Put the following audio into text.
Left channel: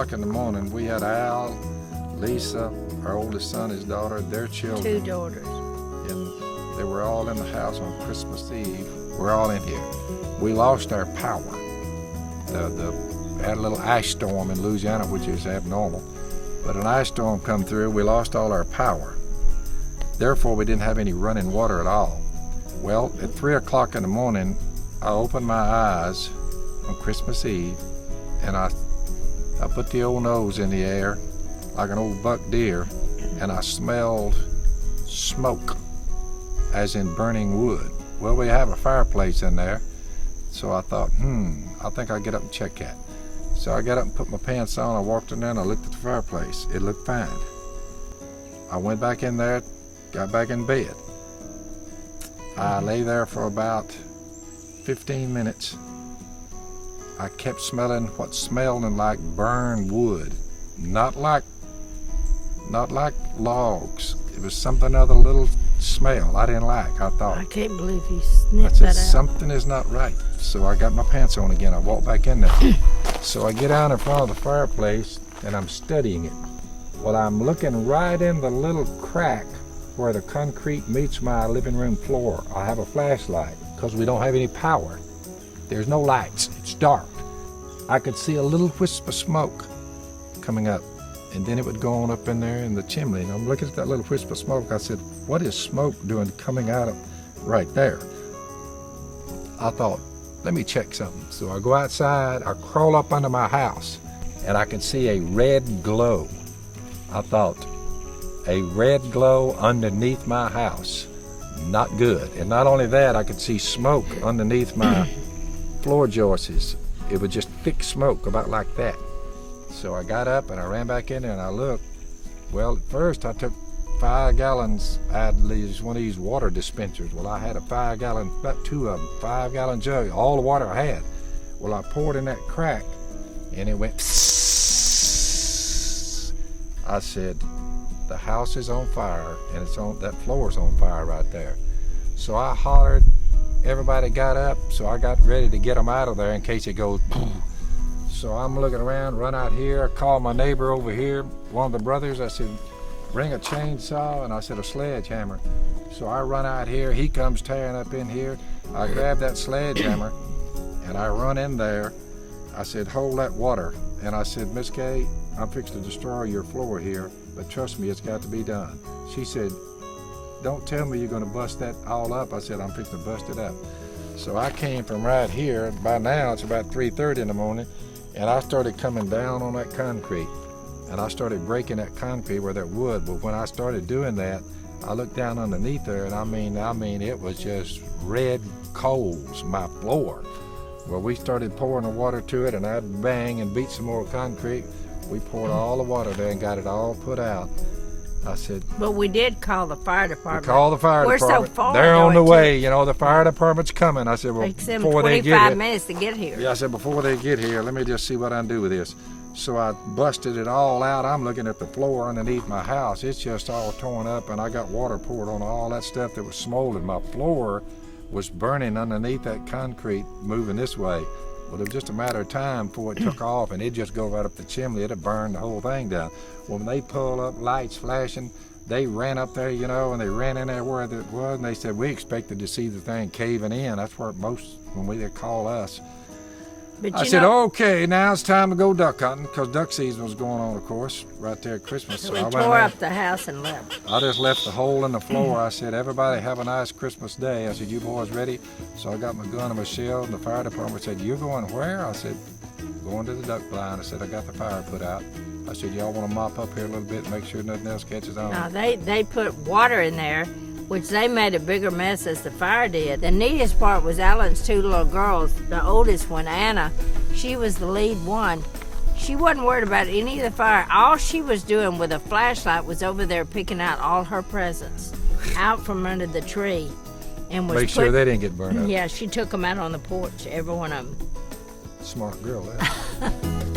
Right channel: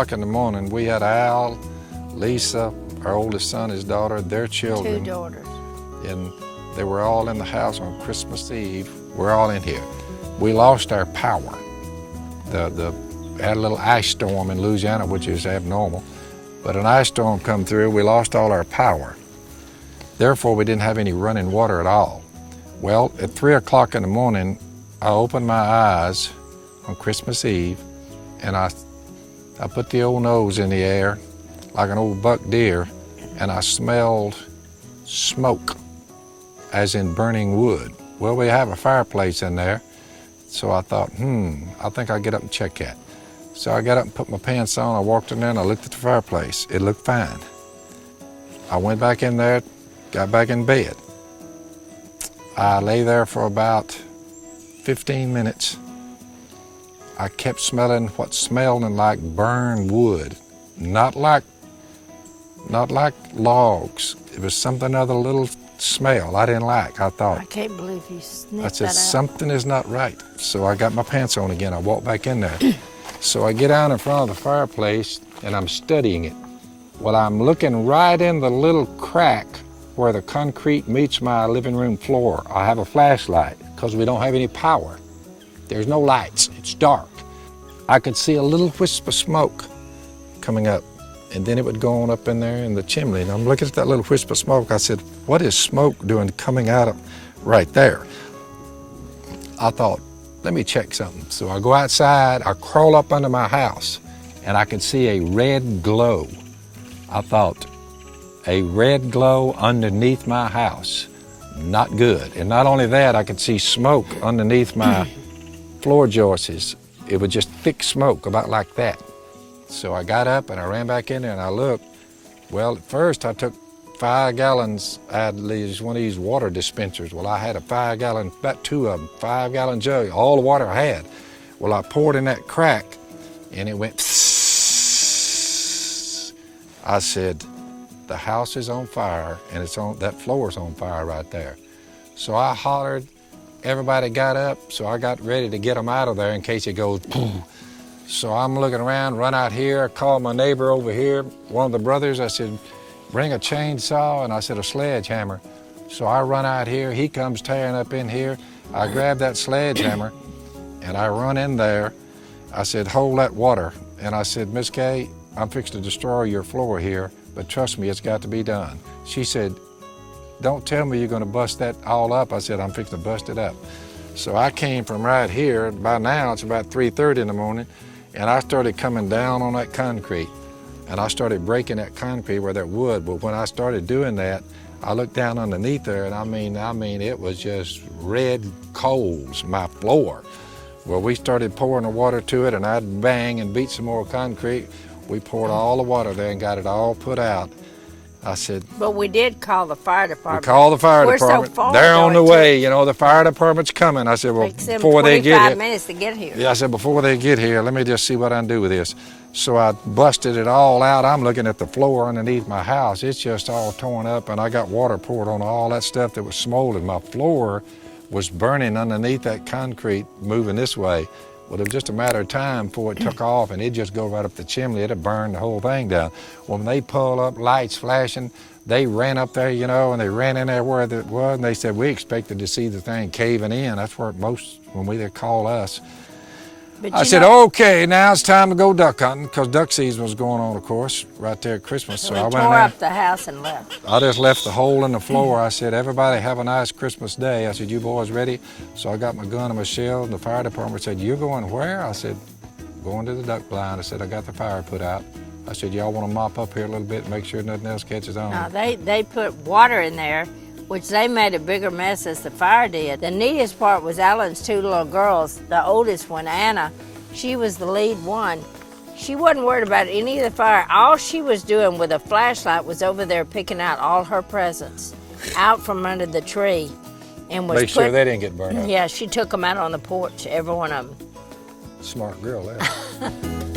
o'clock in the morning, we had Al, Lisa, our oldest son, his daughter, their children. 2 daughters. And they were all in the house on Christmas Eve. We're all in here. We lost our power. Had a little ice storm in Louisiana, which is abnormal. But an ice storm come through, we lost all our power. Therefore, we didn't have any running water at all. Well, at 3 o'clock in the morning, I opened my eyes on Christmas Eve, and I put the old nose in the air like an old buck deer, and I smelled smoke, as in burning wood. Well, we have a fireplace in there, so I thought, I think I'll get up and check that. So I got up and put my pants on, I walked in there and I looked at the fireplace. It looked fine. I went back in there, got back in bed. I lay there for about 15 minutes. I kept smelling what smelled like burned wood, not like logs. It was something other, little smell I didn't like. I thought, I can't believe you sniffed I said, that out. something is not right. So I got my pants on again. I walked back in there. So I get down in front of the fireplace and I'm studying it. Well, I'm looking right in the little crack where the concrete meets my living room floor. I have a flashlight because we don't have any power. There's no lights, it's dark. I could see a little wisp of smoke coming up, and then it would go on up in there in the chimney. And I'm looking at that little wisp of smoke. I said, what is smoke doing coming out of right there? I thought, let me check something. So I go outside, I crawl up under my house, and I can see a red glow. I thought, a red glow underneath my house, not good. And not only that, I could see smoke underneath my floor joists. It was just thick smoke, about like that. So I got up and I ran back in there and I looked. Well, at first I took 5 gallons out of one of these water dispensers. Well, I had a 5-gallon, about 2 of them, 5-gallon jug, all the water I had. Well, I poured in that crack and it went I said, the house is on fire and that floor is on fire right there. So I hollered, everybody got up, so I got ready to get them out of there in case it goes boom. So I'm looking around, run out here, call my neighbor over here, one of the brothers. I said, bring a chainsaw, and I said, a sledgehammer. So I run out here, he comes tearing up in here. I grab that sledgehammer, and I run in there. I said, hold that water. And I said, Miss Kay, I'm fixing to destroy your floor here, but trust me, it's got to be done. She said, don't tell me you're gonna bust that all up. I said, I'm fixing to bust it up. So I came from right here. By now, it's about 3:30 in the morning, and I started coming down on that concrete, and I started breaking that concrete where that wood. But when I started doing that, I looked down underneath there, and I mean, it was just red coals, my floor. Well, we started pouring the water to it, and I'd bang and beat some more concrete. We poured all the water there and got it all put out. I said, but we did call the fire department. we called the fire department. So far, they're on the way, you know, the fire department's coming. I said, well, before they get here. 25 minutes to get here. Yeah, I said, before they get here, let me just see what I can do with this. So I busted it all out. I'm looking at the floor underneath my house. It's just all torn up, and I got water poured on all that stuff that was smoldering. My floor was burning underneath that concrete, moving this way. Well, it was just a matter of time before it took off, and it'd just go right up the chimney. It'd burn the whole thing down. Well, when they pulled up, lights flashing, they ran up there, you know, and they ran in there where it was, and they said, we expected to see the thing caving in. That's where when they call us. But I said, okay, now it's time to go duck hunting, because duck season was going on, of course, right there at Christmas. So we I went tore in. up the house and left. I just left the hole in the floor. I said, everybody have a nice Christmas day. I said, you boys ready? So I got my gun and my shell, and the fire department said, you're going where? I said, going to the duck blind. I said, I got the fire put out. I said, y'all want to mop up here a little bit, make sure nothing else catches on? No, they put water in there, which they made a bigger mess as the fire did. The neatest part was Alan's 2 little girls. The oldest one, Anna, she was the lead one. She wasn't worried about any of the fire. All she was doing with a flashlight was over there picking out all her presents out from under the tree. And was make sure they didn't get burned up. Yeah, she took them out on the porch, every one of them. Smart girl, that.